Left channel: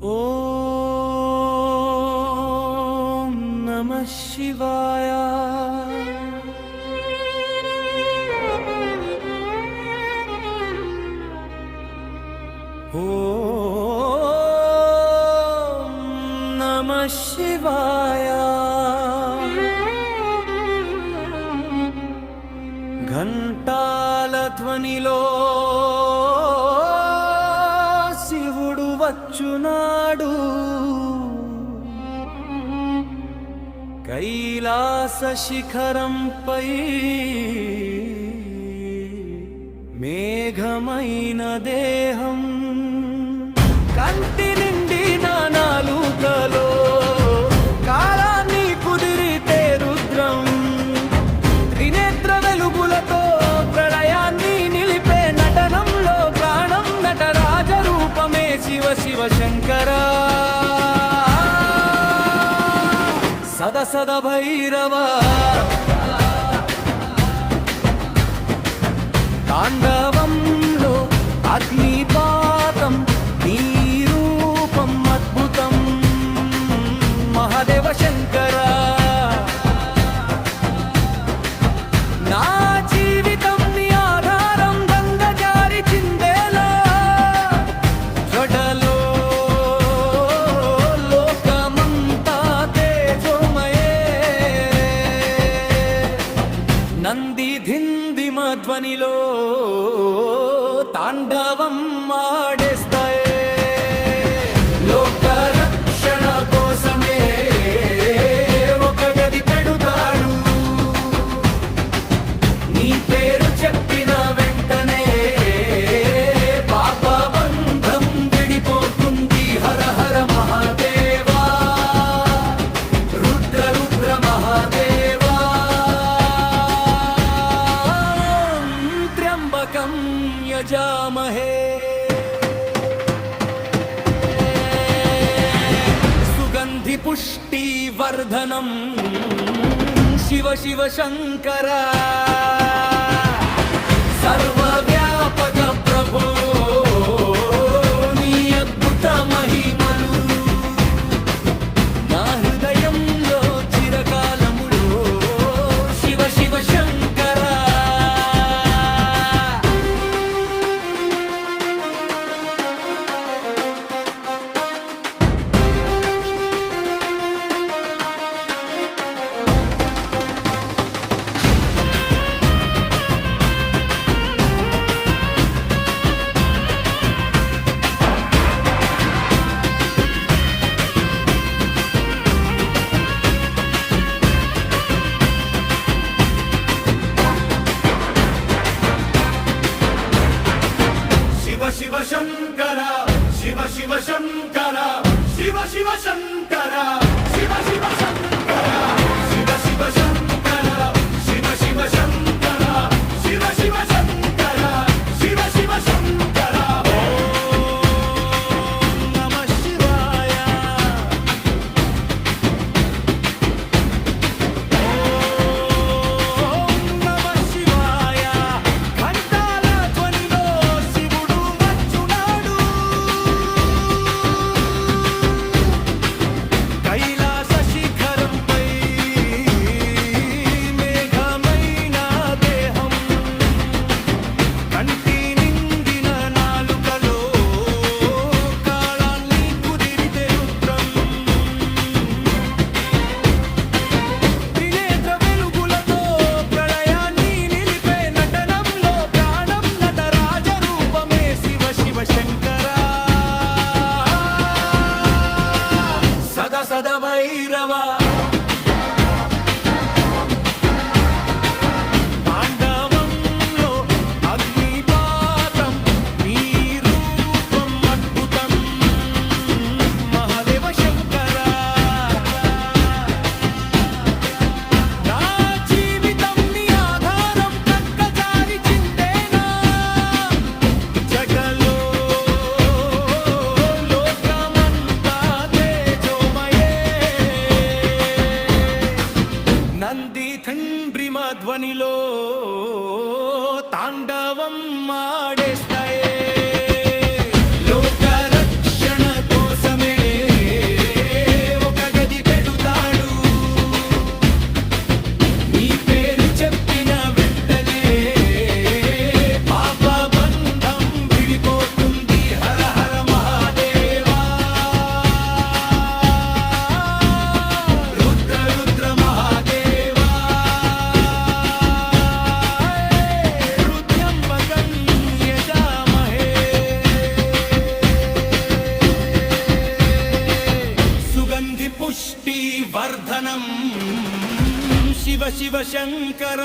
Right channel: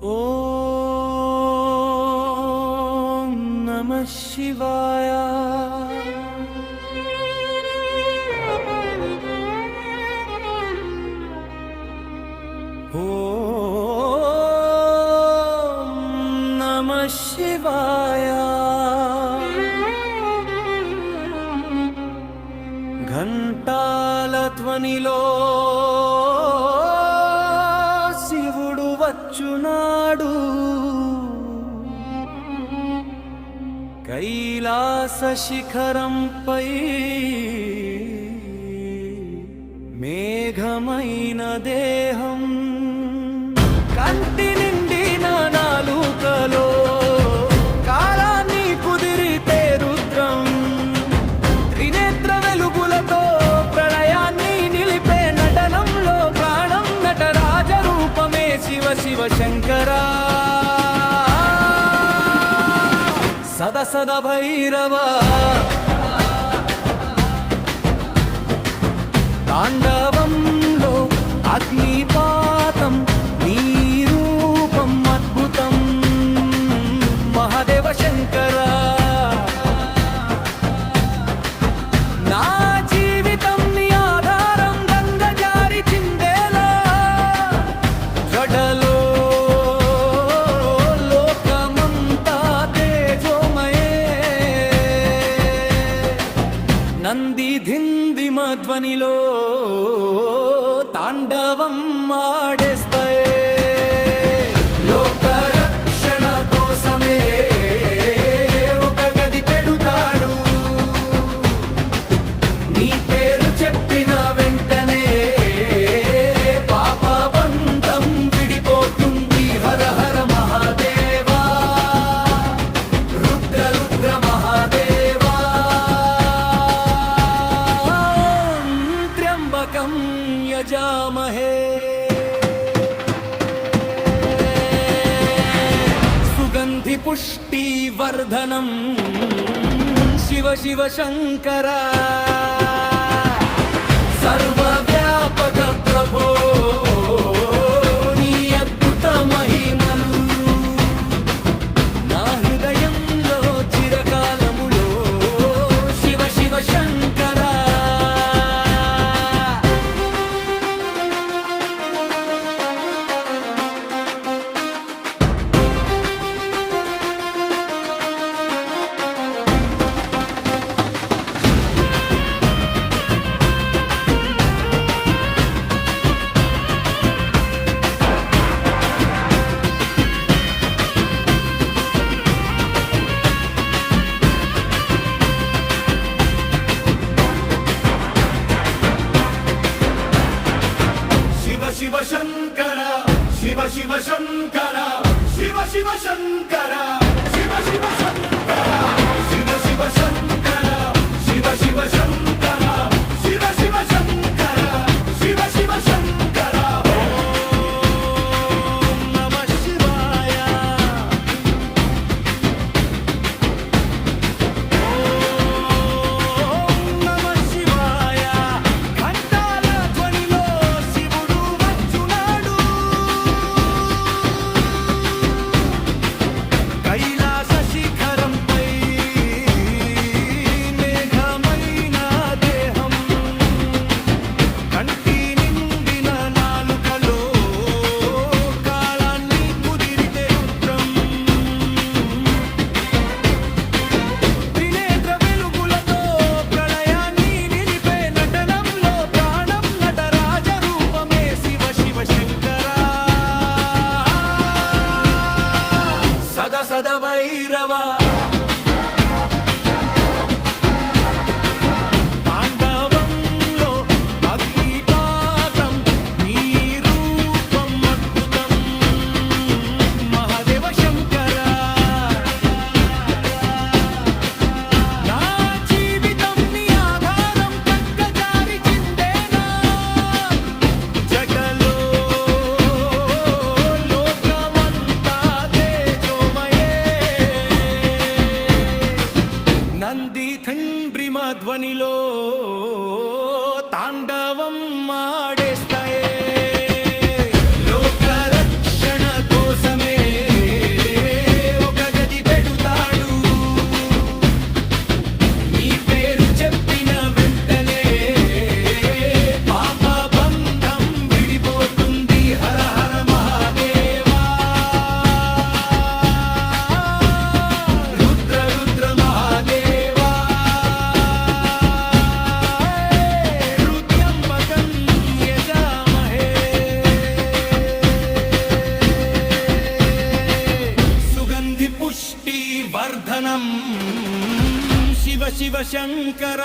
ఓం నమః శివాయ. ఓం నమః శివాయ. ఘంటాల ధ్వనిలో శివుడు వచ్చునాడు. కైలాస శిఖరంపై మేఘమైన దేహం, కంటి నిండిన నాలుకలో కాలాన్ని కుదిరితే రుద్రం, త్రినేత్ర వెలుగులతో ప్రళయాన్ని నిలిపే నటనంలో ప్రాణం, నటరాజ రూపమే శివ శివ శంకరా. సద సద భైరవ తాండవంలో అగ్నిపాతం, నీ రూపం అద్భుతం మహాదేవ శంకరా. నా జీవితం నీ ఆధారం, గంగ జారి చిందేలా జడలో లోకమంతా తేజోమయే. నంది ధిందిమ ధ్వనిలో తాండవం ఆడేస్తాయే. లోక రక్షణ కోసమే ఒక గది పెడుతాడు. నీ పేరు చెప్పిన వెంటనే పాప బంధం విడిపోతుంది. హర హర మహాదేవా, రుద్ర రుద్ర మహాదేవా. త్ర్యంబకం యజామహే సుగంధి పుష్టి వర్ధనం. శివ శివ శంకరా, సర్వవ్యాపక ప్రభో నీ అద్భుత మహిమలు నా హృదయంలో చిరకాలములో. శివ శివ శంకరా. శివ శంకర, శివ శివ శంకర, శివ శివ శంకర, శివ శివ శంకర, శివ శివ శంకర, శివ శివ శంకర, శివ శివ శంకర, శివ శివ శంకర. ఓం నమః శివాయ. ఓం నమః శివాయ. ఘంటాల ధ్వనిలో శివుడు వచ్చునాడు. కైలాస శిఖరంపై మేఘమైన దేహం, కంటి నిండిన నాలుకలో కాళాన్ని కుదిరితే రుద్రం, త్రినేత్ర వెలుగులతో ప్రళయాన్ని నిలిపే నటనంలో ప్రాణం, నటరాజ రూపమే శివ శివ శంకరా. సద సద భైరవ తాండవంలో అగ్నిపాతం, నీ రూపం అద్భుతం మహాదేవ శంకరా. నా జీవితం నీ ఆధారం, కక్క జారి చిందేనా జగలో లోకమంతా తేజోమయే. నంది తండ్రిమ ధ్వనిలో తాండవం ఆడేస్తాయే. లోక రక్షణ కోసమే పుష్టివర్ధనం శివ శివ శంకర